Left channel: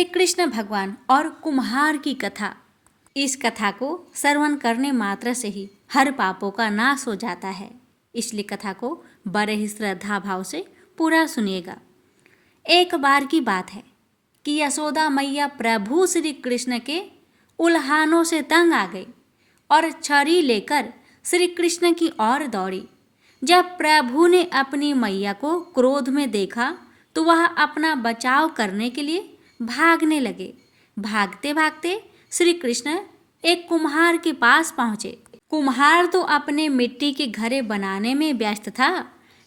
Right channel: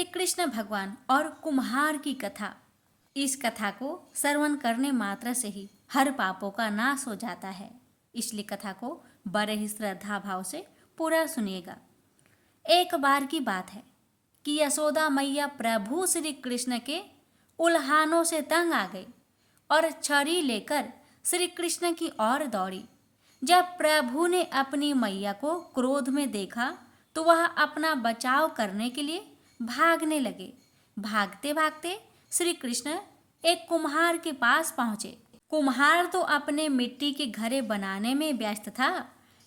श्री कृष्ण भगवान और कुम्हार की कथा। इस कथा को श्रवण करने मात्र से ही हर पापों का नाश हो जाता है, इसलिए कथा को बड़े ही श्रद्धा भाव से पूरा सुनिएगा। एक बार की बात है कि यशोदा मैया प्रभु श्री कृष्ण के उल्हानों से तंग आ गई और छड़ी लेकर श्री कृष्ण की ओर दौड़ी। जब प्रभु ने अपनी मैया को क्रोध में देखा तो वह अपना बचाव करने के लिए भागने लगे। भागते भागते श्री कृष्ण एक कुम्हार के पास पहुँचे। कुम्हार तो अपने मिट्टी के घड़े बनाने में व्यस्त था,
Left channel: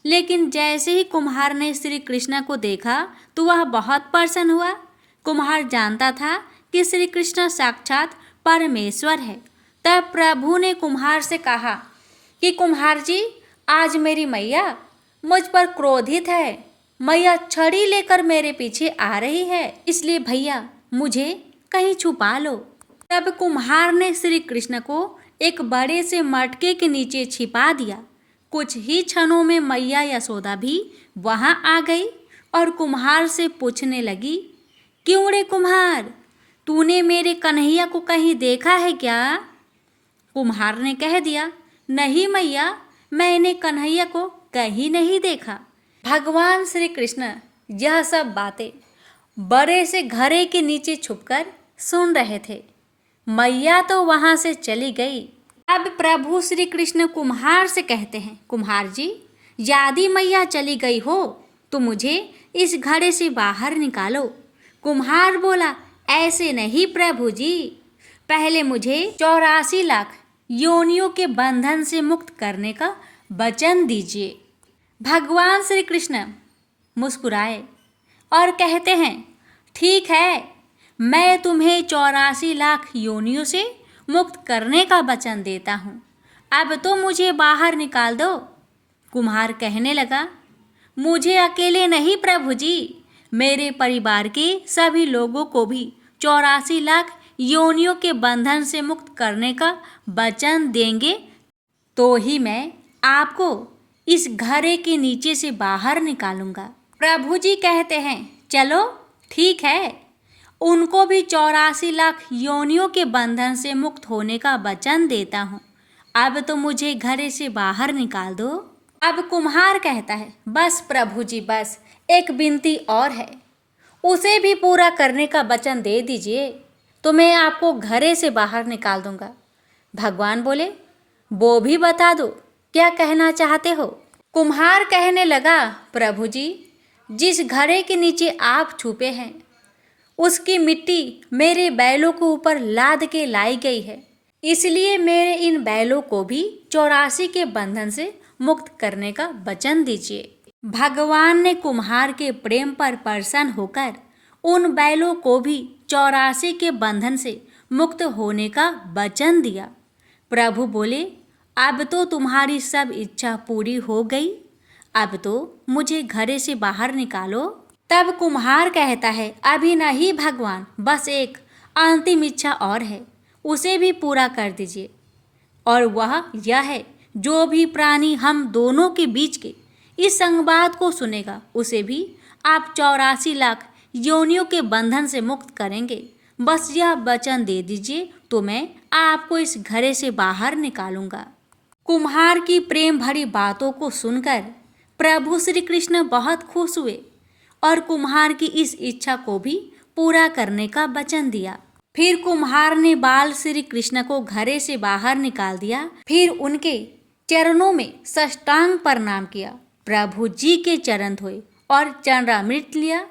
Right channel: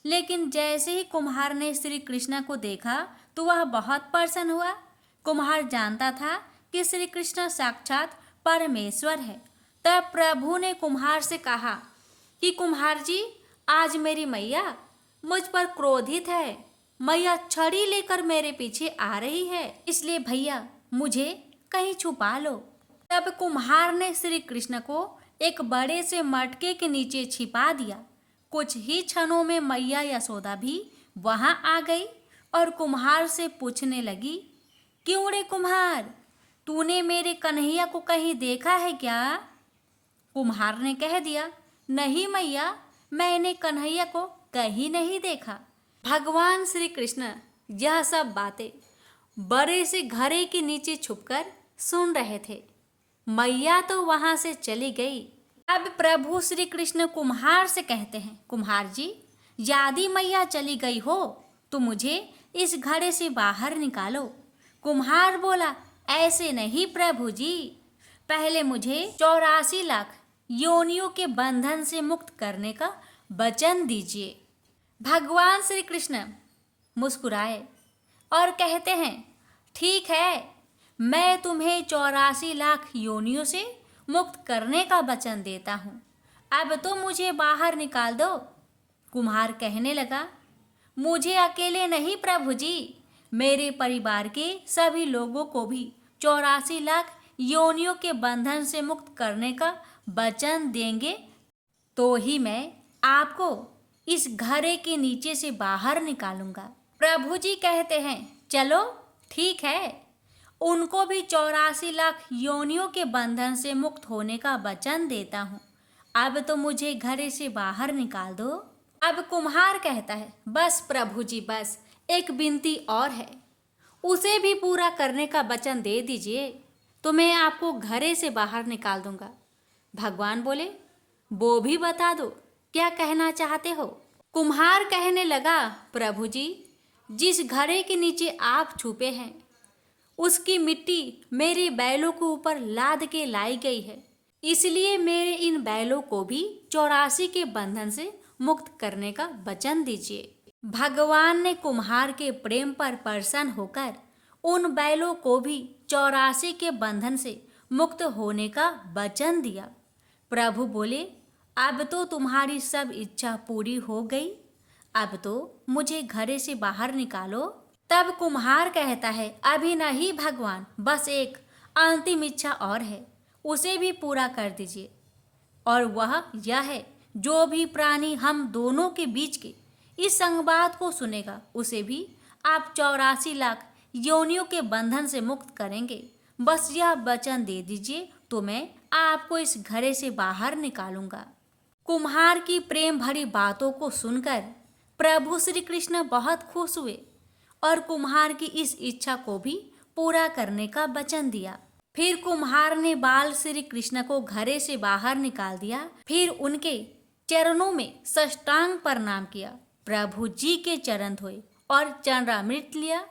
लेकिन जैसे ही कुम्हार ने श्री कृष्ण को देखा तो वह बहुत प्रसन्न हुआ। कुम्हार जानता था कि श्री कृष्ण साक्षात परमेश्वर है। तब प्रभु ने कुम्हार से कहा कि कुम्हार जी, आज मेरी मैया मुझ पर क्रोधित है। मैया छड़ी लेकर मेरे पीछे आ रही है, इसलिए भैया मुझे कहीं छुपा लो। तब कुम्हार ने श्री कृष्ण को एक बड़े से मटके के नीचे छिपा दिया। कुछ ही क्षणों में मैया यशोदा भी वहां आ गई और कुम्हार से पूछने लगी, क्यों रे कुम्हार, तूने मेरे कन्हैया को कहीं देखा है क्या? कुम्हार ने कह दिया, नहीं मैया, मैंने कन्हैया को कहीं नहीं देखा। भगवान श्री कृष्ण यह सब बातें बड़े से घड़े के नीचे छुपकर सुन रहे थे। मैया तो वहां से चली गई। अब प्रभु श्री कृष्ण कुम्हार से कहते हैं, कुम्हार जी, यदि मैया चली गई हो तो मुझे इस घड़े से बाहर निकालो। कुम्हार बोला, ऐसे नहीं प्रभु जी, पहले मुझे 84 लाख योनियों के बंधन से मुक्त करने का वचन दीजिए। भगवान श्री कृष्ण मुस्कुराए और कहते हैं, ठीक है, मैं तुम्हें 84 लाख योनियों से मुक्त करने का वचन देता हूँ। अब तो मुझे बाहर निकाल दो। कुम्हार कहने लगा, मुझे अकेले नहीं प्रभु जी, मेरे परिवार के सभी लोगों को भी 84 लाख योनियों के बंधन से मुक्त करने का वचन देंगे तो ही मैं आपको इस घड़े के नीचे से बाहर निकालूंगा। प्रभु जी कहते हैं, चलो ठीक है, उनको भी 84 लाख योनियों के बंधन से मुक्त होने का वचन देता हूँ। अब तो मुझे घड़े से बाहर निकाल दो। अब कुम्हार कहता है, बस प्रभु जी, बस एक विनती और है, उसे भी पूरा करने का वचन दे दीजिए तो मैं आपको घड़े से बाहर निकाल दूंगा। भगवान बोले, वो भी बता दो, क्या कहना चाहते हो? कुम्हार कहने लगा, प्रभु जी, जिस घड़े के नीचे आप छुपे हैं उसकी मिट्टी मेरे बैलों के ऊपर लाद के लाई गई है, इसलिए मेरे इन बैलों को भी 84 के बंधन से मुक्त करने का वचन दीजिए। भगवान ने कुम्हार के प्रेम पर प्रसन्न होकर उन बैलों को भी 84 के बंधन से मुक्त होने का वचन दिया। प्रभु बोले, अब तो तुम्हारी सब इच्छा पूरी हो गई, अब तो मुझे घड़े से बाहर निकालो। तब कुम्हार कहता है, अभी नहीं भगवान, बस एक अंतिम इच्छा और है, उसे भी पूरा कर दीजिए। और वह यह है, जो भी प्राणी हम दोनों के बीच के इस संवाद को सुनेगा उसे भी आप 84 लाख योनियों के बंधन से मुक्त करेंगे। बस यह वचन दे दीजिए तो मैं आपको इस घड़े से बाहर निकालूंगा। कुम्हार की प्रेम भरी बातों को सुनकर प्रभु श्री कृष्ण बहुत खुश हुए और कुम्हार की इस इच्छा को भी पूरा करने का वचन दिया। फिर कुम्हार ने बाल श्री कृष्ण को घड़े से बाहर निकाल दिया। फिर उनके चरणों में साष्टांग प्रणाम किया। प्रभु जी के चरण धोए और चरणामृत लिया।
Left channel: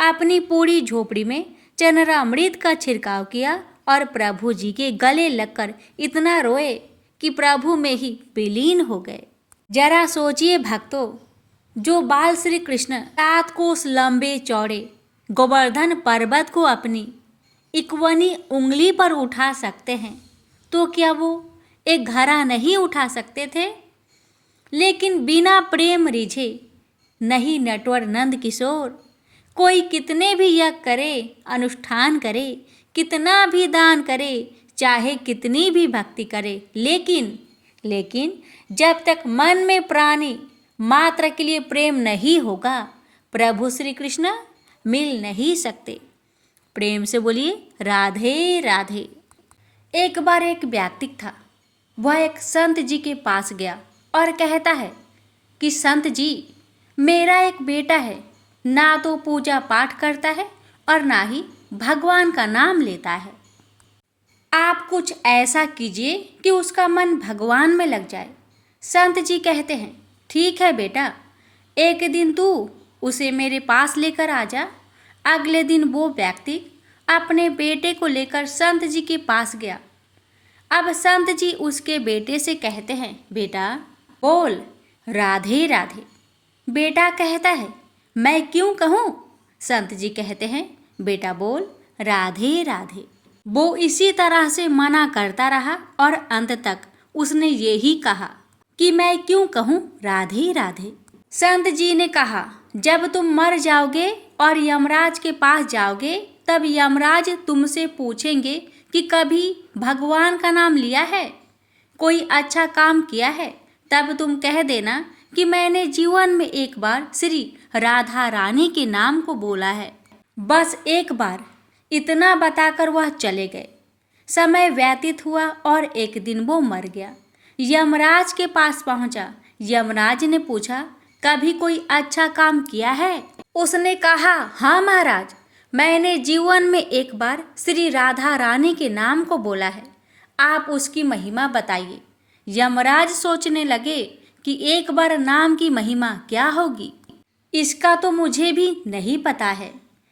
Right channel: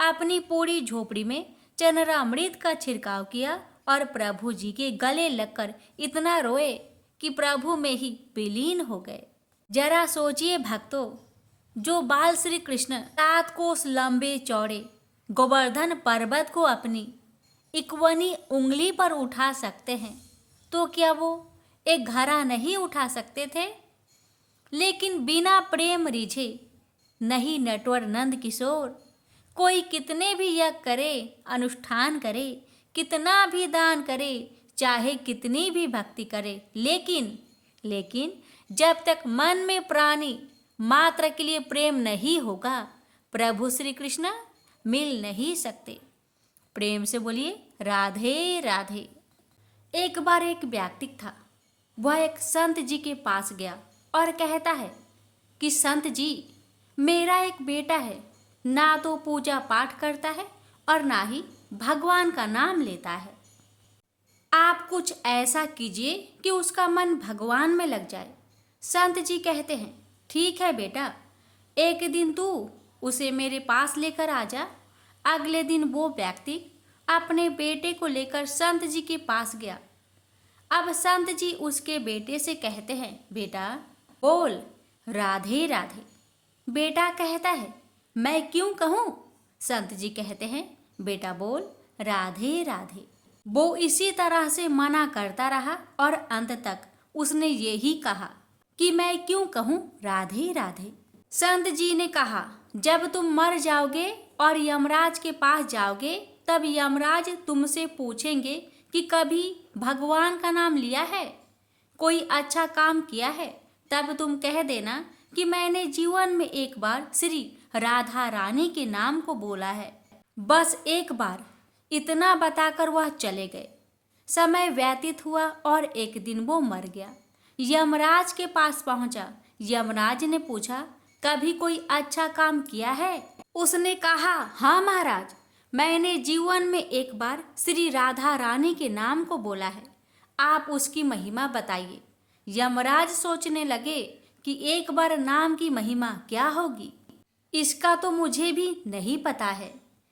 अपनी पूरी झोपड़ी में चरणामृत का छिड़काव किया और प्रभु जी के गले लगकर इतना रोए कि प्रभु में ही विलीन हो गए। जरा सोचिए भक्तों, जो बाल श्री कृष्ण 7 कोस लंबे चौड़े गोवर्धन पर्वत को अपनी इक्वनी उंगली पर उठा सकते हैं, तो क्या वो एक घड़ा नहीं उठा सकते थे? लेकिन बिना प्रेम रिझे नहीं नटवर नंद किशोर। कोई कितने भी यज्ञ करे, अनुष्ठान करे, कितना भी दान करे, चाहे कितनी भी भक्ति करे, लेकिन जब तक मन में प्राणी मात्र के लिए प्रेम नहीं होगा, प्रभु श्री कृष्ण मिल नहीं सकते। प्रेम से बोलिए राधे राधे। एक बार एक व्यक्ति था। वह एक संत जी के पास गया और कहता है कि संत जी, मेरा एक बेटा है, ना तो पूजा पाठ करता है और ना ही भगवान का नाम लेता है। आप कुछ ऐसा कीजिए कि उसका मन भगवान में लग जाए। संत जी कहते हैं, ठीक है बेटा, एक दिन तू उसे मेरे पास लेकर आ जा। अगले दिन वो व्यक्ति अपने बेटे को लेकर संत जी के पास गया। अब संत जी उसके बेटे से कहते हैं, बेटा बोल राधे राधे। बेटा कहता है, मैं क्यों कहूँ? संत जी कहते हैं, बेटा बोल राधे राधे। वो इसी तरह से मना करता रहा और अंत तक उसने यही कहा कि मैं क्यों कहूँ राधे राधे। संत जी ने कहा, जब तुम मर जाओगे और यमराज के पास जाओगे, तब यमराज तुमसे पूछेंगे कि कभी भगवान का नाम लिया है, कोई अच्छा काम किया है, तब तुम कह देना कि मैंने जीवन में एक बार श्री राधा रानी के नाम को बोला है। बस एक बार इतना बताकर वह चले गए। समय व्यतीत हुआ और एक दिन वो मर गया। यमराज के पास पहुंचा। यमराज ने पूछा, कभी कोई अच्छा काम किया है? उसने कहा, हाँ महाराज, मैंने जीवन में एक बार श्री राधा रानी के नाम को बोला है। आप उसकी महिमा बताइए। यमराज सोचने लगे कि एक बार नाम की महिमा क्या होगी, इसका तो मुझे भी नहीं पता है।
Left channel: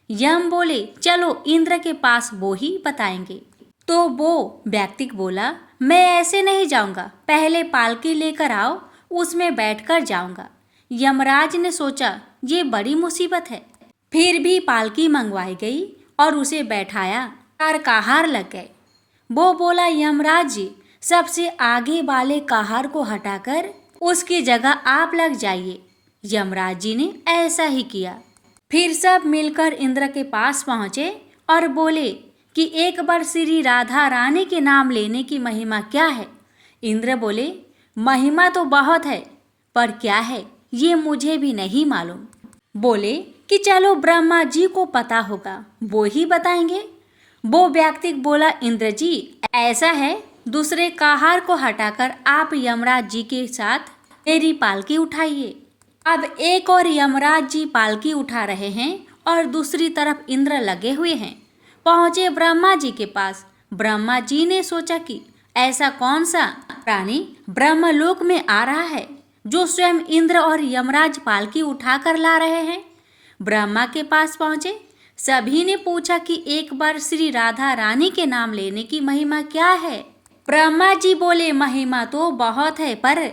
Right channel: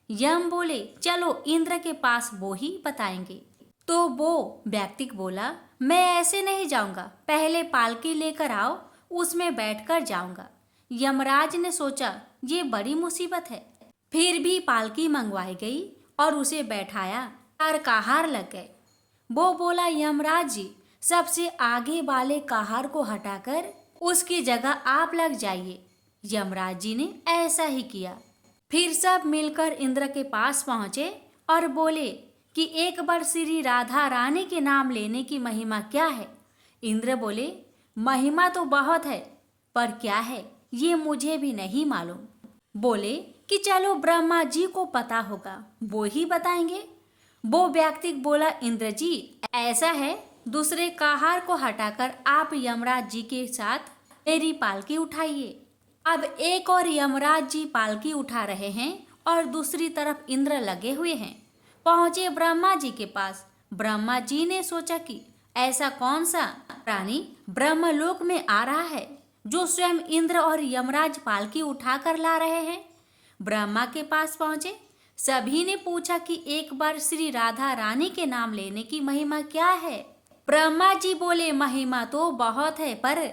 यम बोले, चलो इंद्र के पास, वो ही बताएंगे। तो वो व्यक्ति बोला, मैं ऐसे नहीं जाऊंगा, पहले पालकी लेकर आओ, उसमें बैठकर जाऊंगा। यमराज ने सोचा ये बड़ी मुसीबत है। फिर भी पालकी मंगवाई गई और उसे बैठाया। कहार लग गए। वो बोला, यमराज जी, सबसे आगे वाले कहार को हटाकर उसकी जगह आप लग जाइए। यमराज जी ने ऐसा ही किया। फिर सब मिलकर इंद्र के पास पहुंचे और बोले कि एक बार श्री राधा रानी के नाम लेने की महिमा क्या है? इंद्र बोले, महिमा तो बहुत है, पर क्या है ये मुझे भी नहीं मालूम। बोले कि चलो ब्रह्मा जी को पता होगा, वो ही बताएंगे। वो व्यक्ति बोला, इंद्र जी, ऐसा है, दूसरे कहार को हटाकर आप यमराज जी के साथ मेरी पालकी उठाइए। अब एक और यमराज जी पालकी उठा रहे हैं और दूसरी तरफ इंद्र लगे हुए हैं। पहुंचे ब्रह्मा जी के पास। ब्रह्मा जी ने सोचा कि ऐसा कौन सा प्राणी ब्रह्मलोक में आ रहा है जो स्वयं इंद्र और यमराज पालकी उठाकर ला रहे हैं। ब्रह्मा के पास पहुंचे। सभी ने पूछा कि एक बार श्री राधा रानी के नाम लेने की महिमा क्या है? ब्रह्मा जी बोले, महिमा तो बहुत है, पर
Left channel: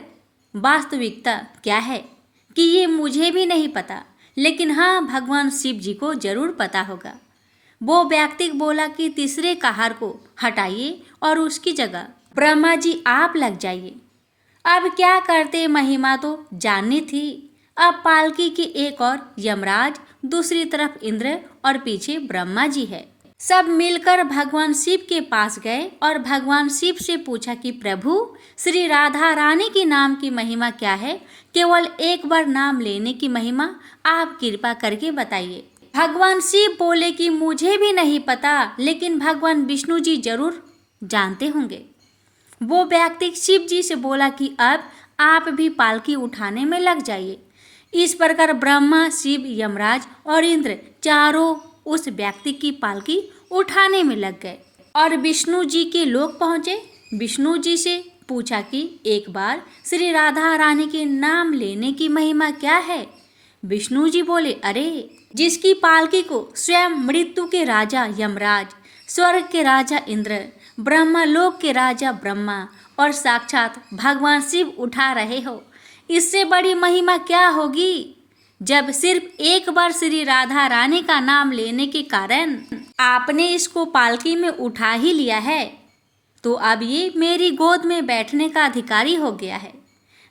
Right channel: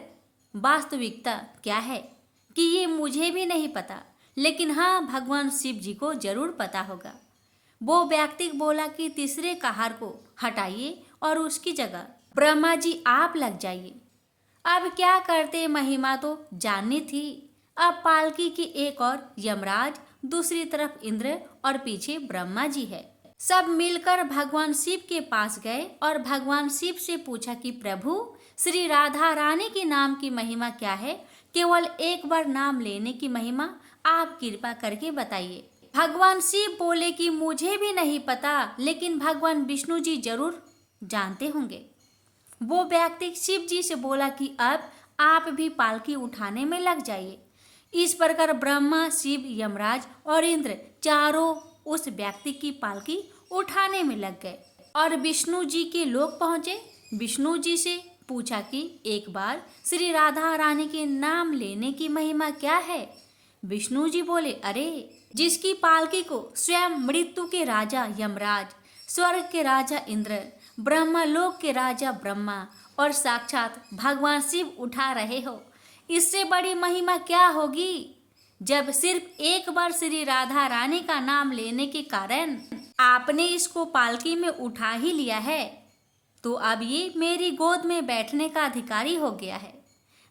वास्तविकता क्या है कि ये मुझे भी नहीं पता, लेकिन हाँ, भगवान शिव जी को जरूर पता होगा। वो व्यक्ति बोला कि तीसरे कहार को हटाइए और उसकी जगह ब्रह्मा जी आप लग जाइए। अब क्या करते, महिमा तो जाननी थी। अब पालकी की एक और यमराज, दूसरी तरफ इंद्र और पीछे ब्रह्मा जी है। सब मिलकर भगवान शिव के पास गए और भगवान शिव से पूछा कि प्रभु, श्री राधा रानी के नाम की महिमा क्या है? केवल एक बार नाम लेने की महिमा आप कृपा करके बताइए। भगवान शिव बोले कि मुझे भी नहीं पता, लेकिन भगवान विष्णु जी जरूर जानते होंगे। वो व्यक्ति शिव जी से बोला कि अब आप भी पालकी उठाने में लग जाइए। इस प्रकार ब्रह्मा, शिव, यमराज और इंद्र चारों उस व्यक्ति की पालकी उठाने में लग गए और विष्णु जी के लोक पहुंचे। विष्णु जी से पूछा कि एक बार श्री राधा रानी के नाम लेने की महिमा क्या है? विष्णु जी बोले, अरे, जिसकी पालकी को स्वयं मृत्यु के राजा यमराज, स्वर्ग के राजा इंद्र, ब्रह्मलोक के राजा ब्रह्मा और साक्षात भगवान शिव उठा रहे हो, इससे बड़ी महिमा क्या होगी? जब सिर्फ एक बार श्री राधा रानी का नाम लेने के कारण आपने इसको पालकी में उठा ही लिया है, तो अब ये मेरी गोद में बैठने का अधिकारी हो गया है।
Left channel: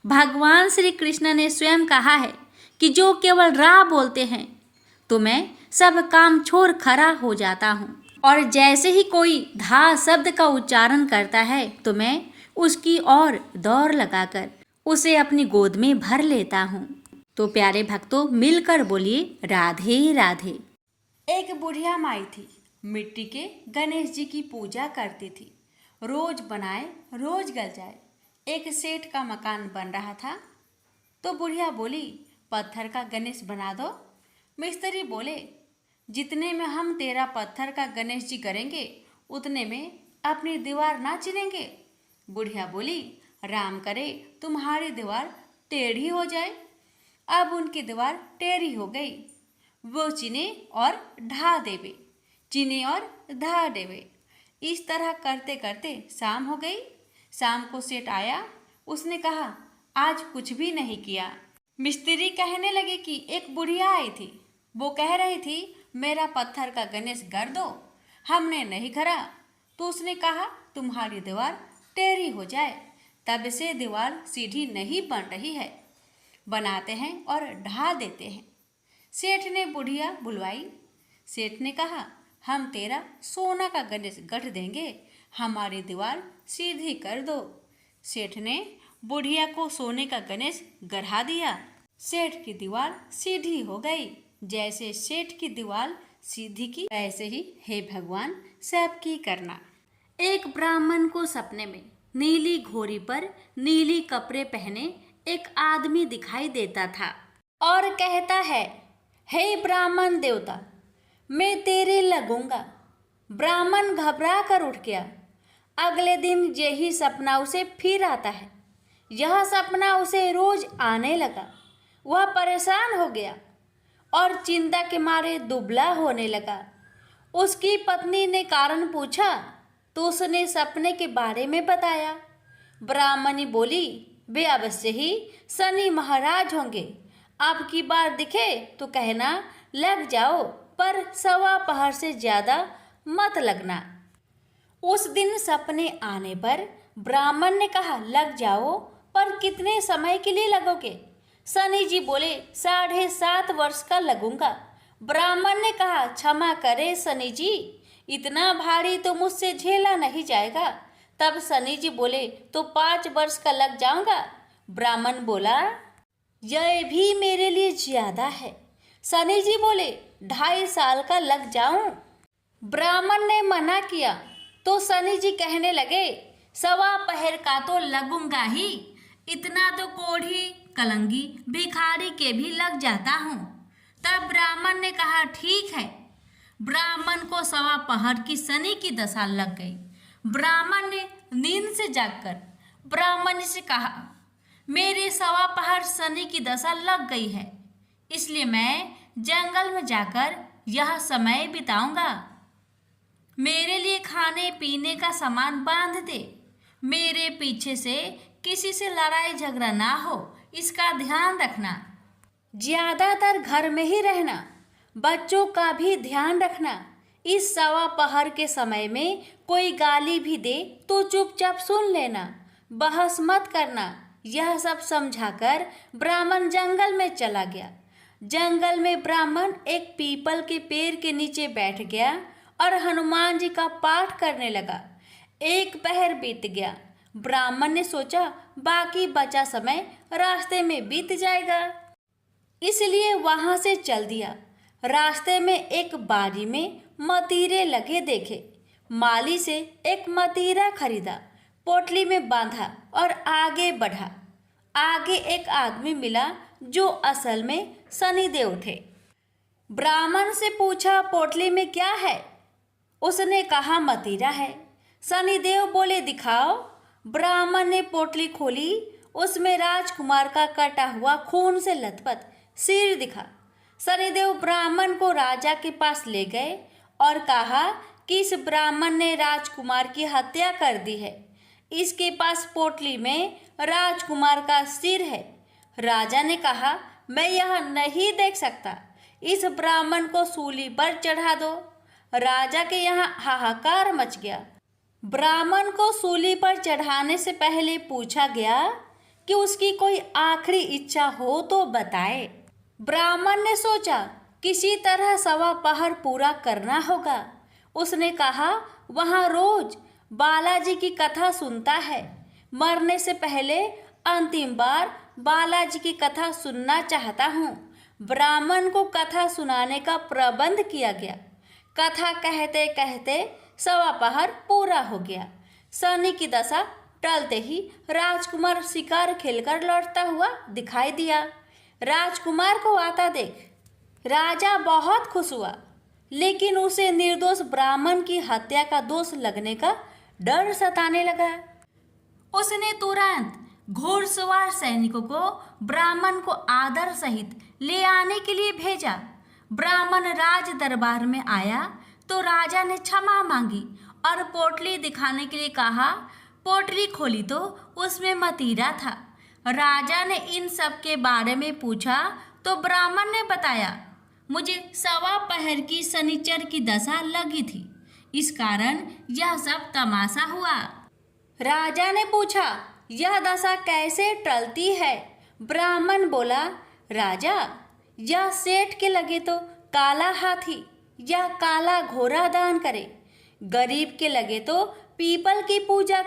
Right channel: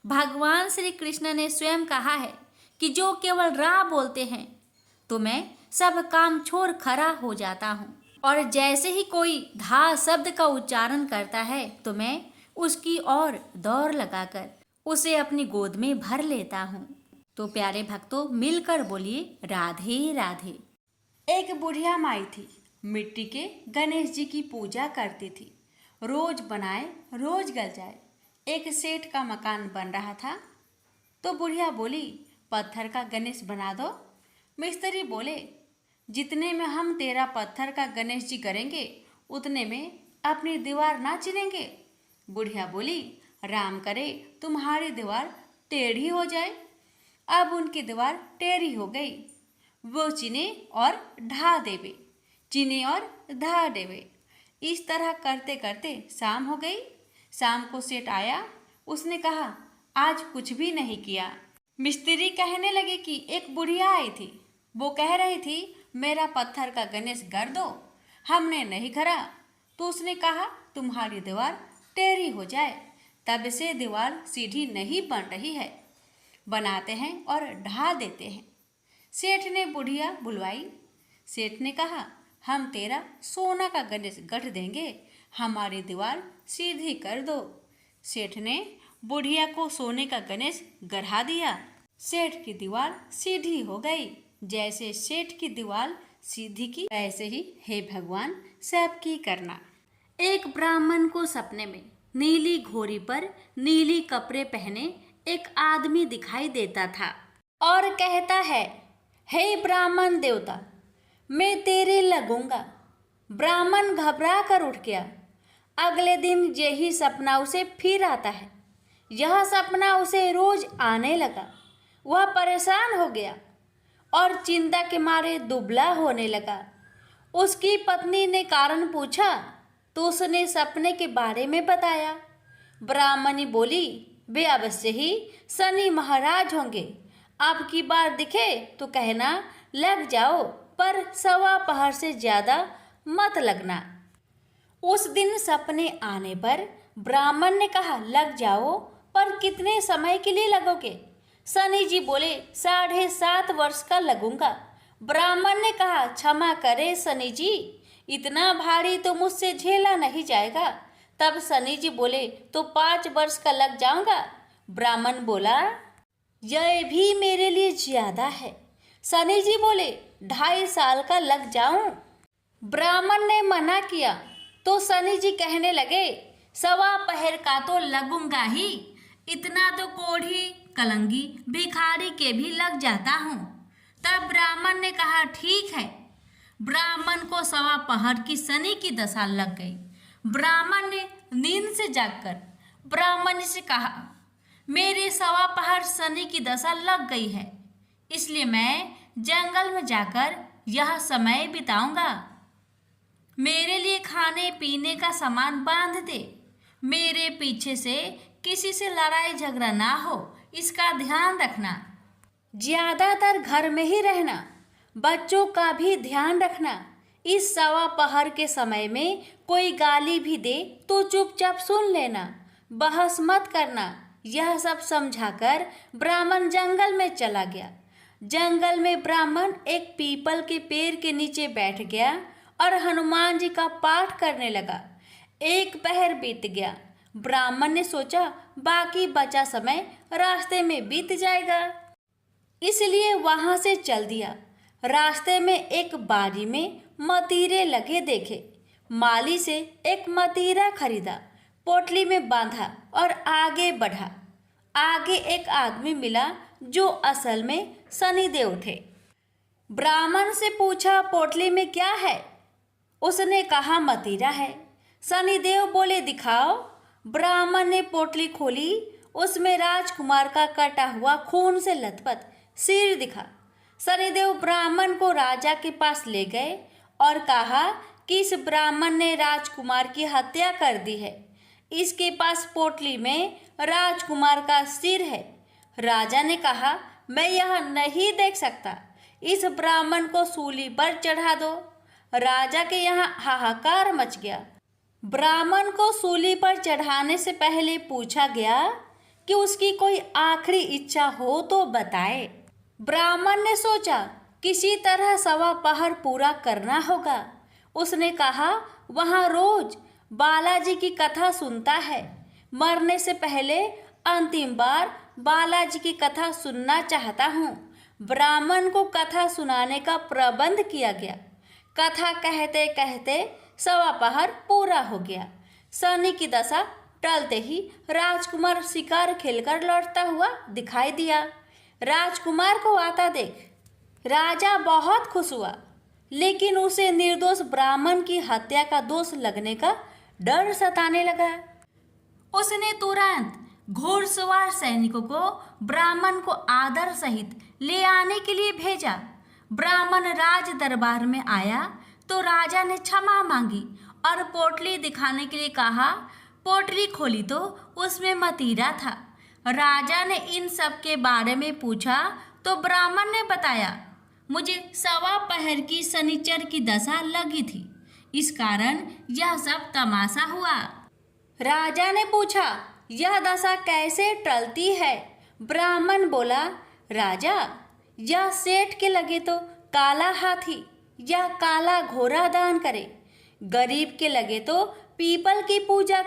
भगवान श्री कृष्ण ने स्वयं कहा है कि जो केवल रा बोलते हैं तो मैं सब काम छोड़ खड़ा हो जाता हूँ, और जैसे ही कोई धा शब्द का उच्चारण करता है तो मैं उसकी ओर दौड़ लगाकर उसे अपनी गोद में भर लेता हूँ। तो प्यारे भक्तों, मिलकर बोलिए राधे राधे। एक बुढ़िया माई थी। मिट्टी के गणेश जी की पूजा करती थी। रोज बनाए रोज गल जाए। एक सेठ का मकान बन रहा था तो बुढ़िया बोली, पत्थर का गणेश बना दो। मिस्त्री बोले, जितने में हम तेरा पत्थर का गणेश जी करेंगे उतने में अपनी दीवार ना चिनेंगे। बुढ़िया बोली, राम करे तुम्हारी दीवार टेढ़ी हो जाए। अब उनकी दीवार टेढ़ी हो गई। वो चिने और ढा देवे, चिने और ढा देवे। इस तरह करते करते शाम हो गई। शाम को सेठ आया। उसने कहा, आज कुछ भी नहीं किया। मिस्त्री कहने लगे कि एक बुढ़िया आई थी, वो कह रही थी मेरा पत्थर का गणेश कर दो। हमने नहीं करा तो उसने कहा तुम्हारी दीवार टेढ़ी हो जाए। तब से दीवार सीधी नहीं बन रही है। बनाते हैं और ढा देते हैं। सेठ ने बुढ़िया बुलवाई। सेठ ने कहा, हम तेरा सोना का गणेश गढ़ देंगे, हमारी दीवार सीधी कर दो। सेठ ने बुढ़िया को सोने का गणेश गढ़ा दिया। सेठ की दीवार सीधी हो गई। जैसे सेठ की दीवार सीधी की, वैसे ही हे भगवान सबकी करना। एक ब्राह्मण को सपने में नीली घोड़ी पर नीली कपड़े पहने एक आदमी दिखाई देता था और कहता है, हे ब्राह्मण देवता, मैं तेरे लगूंगा। ब्राह्मण घबरा कर उठ गया। अगले दिन यही सपना उसे फिर आता है। यह सपना उसे रोज आने लगा। वह परेशान हो गया और चिंता के मारे दुबला होने लगा। उसकी पत्नी ने कारण पूछा तो उसने सपने के बारे में बताया। ब्राह्मणी बोली, वे अवश्य ही शनि महाराज होंगे। अब की बार दिखे तो कहना लग जाओ, पर सवा पहर से ज़्यादा मत लगना। उस दिन सपने आने पर ब्राह्मण ने कहा, लग जाओ, पर कितने समय के लिए लगोगे? शनि जी बोले, 7.5 वर्ष का लगूंगा। ब्राह्मण ने कहा, क्षमा करे शनि जी, इतना भारी तो मुझसे झेला नहीं जाएगा। तब शनि जी बोले, तो 5 वर्ष का लग जाऊंगा। ब्राह्मण बोला, यह भी मेरे लिए ज्यादा है। शनि जी बोले, 2.5 साल का लग जाऊं। ब्राह्मण ने मना किया तो शनि जी कहने लगे, सवा पहर का तो लगूंगा ही, इतना तो कोढ़ी कलंगी भिखारी के भी लग जाता हूँ। तब ब्राह्मण ने कहा, ठीक है। ब्राह्मण को सवा पहर की शनि की दशा लग गई। ब्राह्मण ने नींद से जागकर ब्राह्मण से कहा, मेरे सवा पहर शनि की दशा लग गई है, इसलिए मैं जंगल में जाकर यह समय बिताऊंगा। मेरे लिए खाने पीने का सामान बांध दे। मेरे पीछे से किसी से लड़ाई झगड़ा ना हो, इसका ध्यान रखना। ज्यादातर घर में ही रहना। बच्चों का भी ध्यान रखना। इस सवा पहर के समय में कोई गाली भी दे तो चुपचाप सुन लेना, बहस मत करना। यह सब समझाकर ब्राह्मण जंगल में चला गया। जंगल में ब्राह्मण एक पीपल के पेड़ के नीचे बैठ गया और हनुमान जी का पाठ करने लगा। 1 पहर बीत गया। ब्राह्मण ने सोचा बाकी बचा समय रास्ते में बीत जाएगा, इसलिए वहां से चल दिया। रास्ते में एक बाड़ी में मतीरे लगे देखे। माली से एक मतीरा खरीदा, पोटली में बांधा और आगे बढ़ा। आगे एक आदमी मिला जो असल में शनिदेव थे। ब्राह्मण से पूछा, पोटली में क्या है? उसने कहा, मतीरा है। शनिदेव बोले, दिखाओ। ब्राह्मण ने पोटली खोली। उसमें राजकुमार का कटा हुआ खून से लथपथ सिर दिखा। शनिदेव ब्राह्मण को राजा के पास ले गए और कहा कि इस ब्राह्मण ने राजकुमार की हत्या कर दी है। इसके पास पोटली में राजकुमार का सिर है। राजा ने कहा, मैं यह नहीं देख सकता, इस ब्राह्मण को सूली पर चढ़ा दो। राजा के यहाँ हाहाकार मच गया। ब्राह्मण को सूली पर चढ़ाने से पहले पूछा गया कि उसकी कोई आखिरी इच्छा हो तो बताए। ब्राह्मण ने सोचा किसी तरह सवा पहर पूरा करना होगा। उसने कहा, वहाँ रोज बालाजी की कथा सुनता है। मरने से पहले अंतिम बार बालाजी की कथा सुनना चाहता हूँ। ब्राह्मण को कथा सुनाने का प्रबंध किया गया। कथा कहते कहते सवा पहर पूरा हो गया। शनि की दशा टलते ही राजकुमार शिकार खेलकर लौटता हुआ दिखाई दिया। राजकुमार को आता देख राजा बहुत खुश हुआ, लेकिन उसे निर्दोष ब्राह्मण की हत्या का दोष लगने का डर सताने लगा। उसने तुरंत घोड़सवार सैनिकों को ब्राह्मण को आदर सहित ले आने के लिए भेजा। ब्राह्मण राज दरबार में आया तो राजा ने क्षमा मांगी और पोटली दिखाने के लिए कहा। पोटली खोली तो उसमें मतीरा था। राजा ने इन सब के बारे में पूछा तो ब्राह्मण ने बताया, मुझे सवा पहर की शनिचर की दशा लगी थी, इस कारण यह सब तमाशा हुआ। राजा ने पूछा, यह दशा कैसे टलती है? ब्राह्मण बोला, राजा, यह सेठ के लगे तो काला हाथी या काला घोड़ा दान करे, गरीब के लगे तो पीपल की पूजा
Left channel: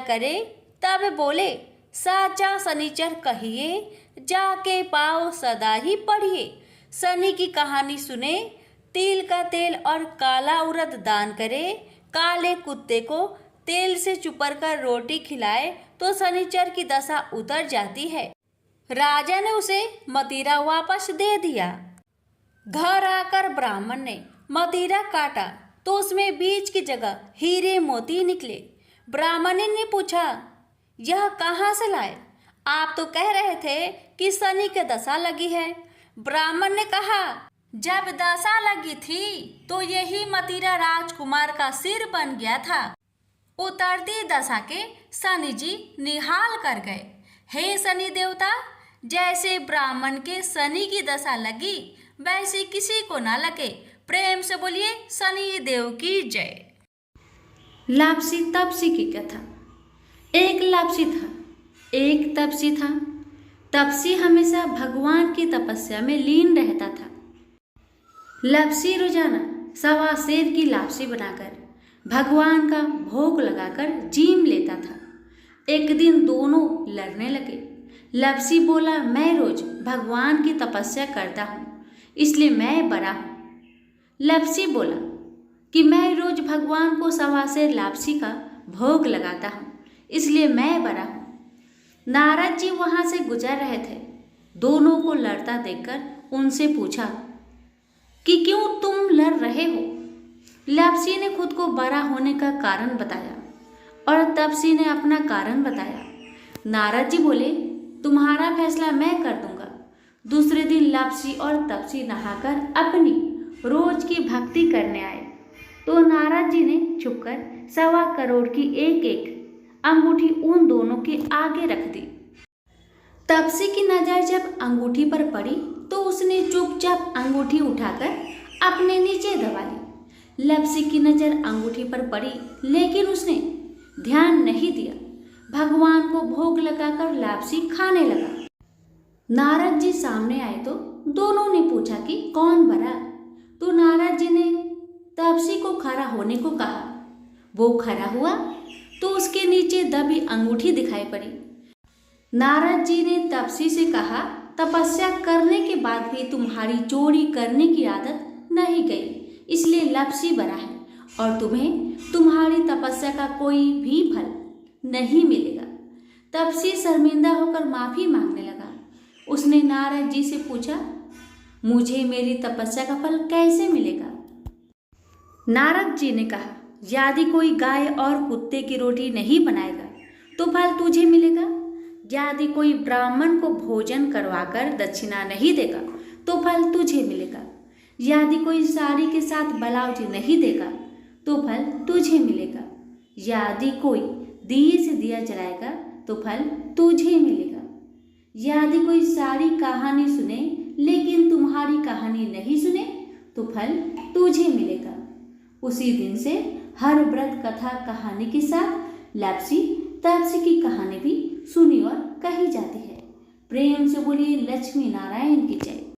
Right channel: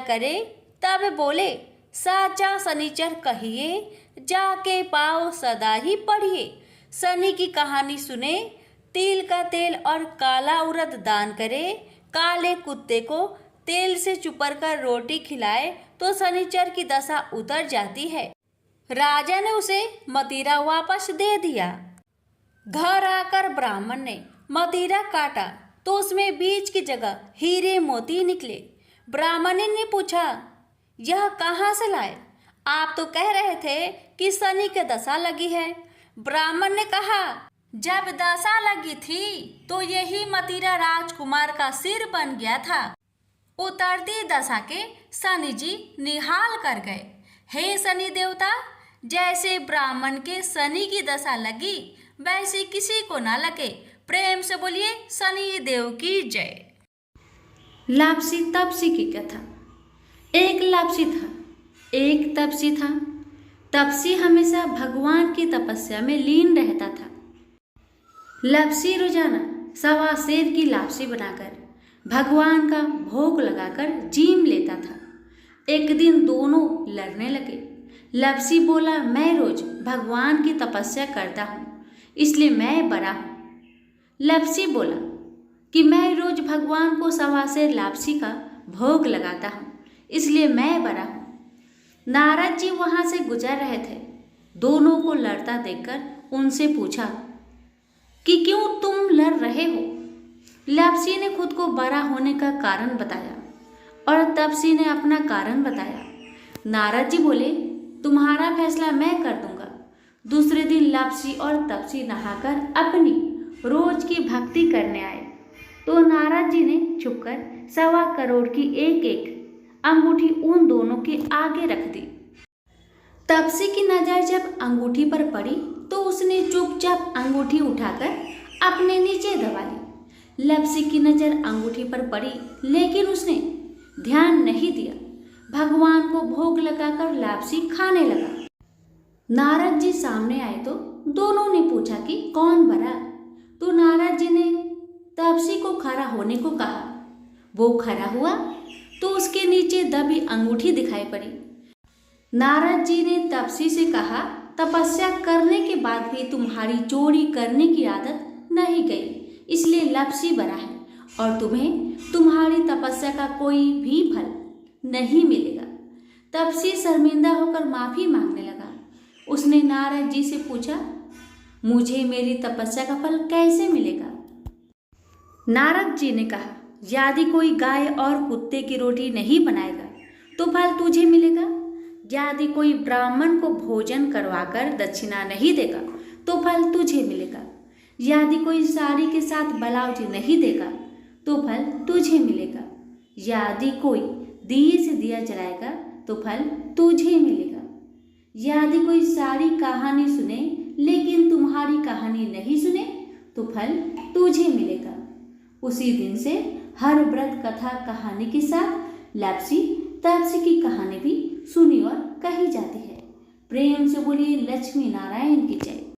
करे तब बोले, साचा शनिचर कहिए, जाके पाओ सदा ही पढ़िए। शनि की कहानी सुने, तिल का तेल और काला उड़द दान करे, काले कुत्ते को तेल से चुपर कर रोटी खिलाए तो शनिचर की दशा उतर जाती है। राजा ने उसे मतीरा वापस दे दिया। घर आकर ब्राह्मण ने मतीरा काटा तो उसमें बीज की जगह हीरे मोती निकले। ब्राह्मण ने पूछा, यह कहाँ से लाए? आप तो कह रहे थे कि शनि की दशा लगी है। ब्राह्मण ने कहा, जब दशा लगी थी तो यही मतीरा राजकुमार का सिर बन गया था। उतरती दशा के शनि जी निहाल कर गए। हे शनि देवता, जैसे ब्राह्मण के शनि की दशा लगी वैसे किसी को ना लगे। प्रेम से बोलिए शनि देव की जय। लापसी तपसी की कथा। एक लापसी था, एक तपसी था। तपसी हमेशा भगवान की तपस्या में लीन रहता था। लापसी रोजाना सवा सेर की लापसी बनाकर भगवान का भोग लगाकर जीम लेता था। एक दिन दोनों लड़ने लगे। लापसी बोला, मैं रोज भगवान की तपस्या करता हूँ, इसलिए मैं बड़ा हूँ। लापसी बोला कि मैं रोज भगवान को सवा सेर लापसी का भोग लगाता हूँ, इसलिए मैं बड़ा हूँ। नारद जी वहाँ से गुजर रहे थे। दोनों को लड़ता देखकर उनसे पूछा कि क्यों तुम लड़ रहे हो? लापसी ने खुद को बड़ा होने का कारण बताया और तपसी ने अपना कारण बताया। नारद जी बोले, तुम्हारा फैसला मैं कर दूंगा। दूसरे दिन लापसी और तपसी नहाकर अपनी रोज की भक्ति करने आए तो नारद जी ने छुपकर 1.25 करोड़ की एक एक अंगूठी उन दोनों के आगे रख दी। तपसी की नजर जब अंगूठी पर पड़ी तो उसने चुपचाप अंगूठी उठाकर अपने नीचे दबा ली। लापसी की नजर अंगूठी पर पड़ी लेकिन उसने ध्यान नहीं दिया। भगवान को भोग लगाकर लापसी खाने लगा। नारद जी सामने आए तो दोनों ने पूछा कि कौन बड़ा? तो नारद जी ने तपसी को खड़ा होने को कहा। वो खड़ा हुआ तो उसके नीचे दबी अंगूठी दिखाई पड़ी। नारद जी ने तपसी से कहा, तपस्या करने के बाद भी तुम्हारी चोरी करने की आदत नहीं गई, इसलिए लापसी बड़ा है और तुम्हें तुम्हारी तपस्या का कोई भी फल नहीं मिलेगा। तपसी शर्मिंदा होकर माफी मांगने लगा। उसने नारद जी से पूछा, मुझे मेरी तपस्या का फल कैसे मिलेगा? नारद जी ने कहा, यदि कोई गाय और कुत्ते की रोटी नहीं बनाएगा तो फल तुझे मिलेगा। यदि कोई ब्राह्मण को भोजन करवाकर दक्षिणा नहीं देगा तो फल तुझे मिलेगा। यदि कोई साड़ी के साथ ब्लाउज नहीं देगा तो फल तुझे मिलेगा। यदि कोई दिए से दिया जलाएगा तो फल तुझे मिलेगा। यदि कोई सारी कहानी सुने लेकिन तुम्हारी कहानी नहीं सुने तो फल तुझे मिलेगा। उसी दिन से हर व्रत कथा कहानी के साथ लापसी तपसी की कहानी भी सुनी और कही जाती है। प्रेम से बोलिए लक्ष्मी नारायण की जय।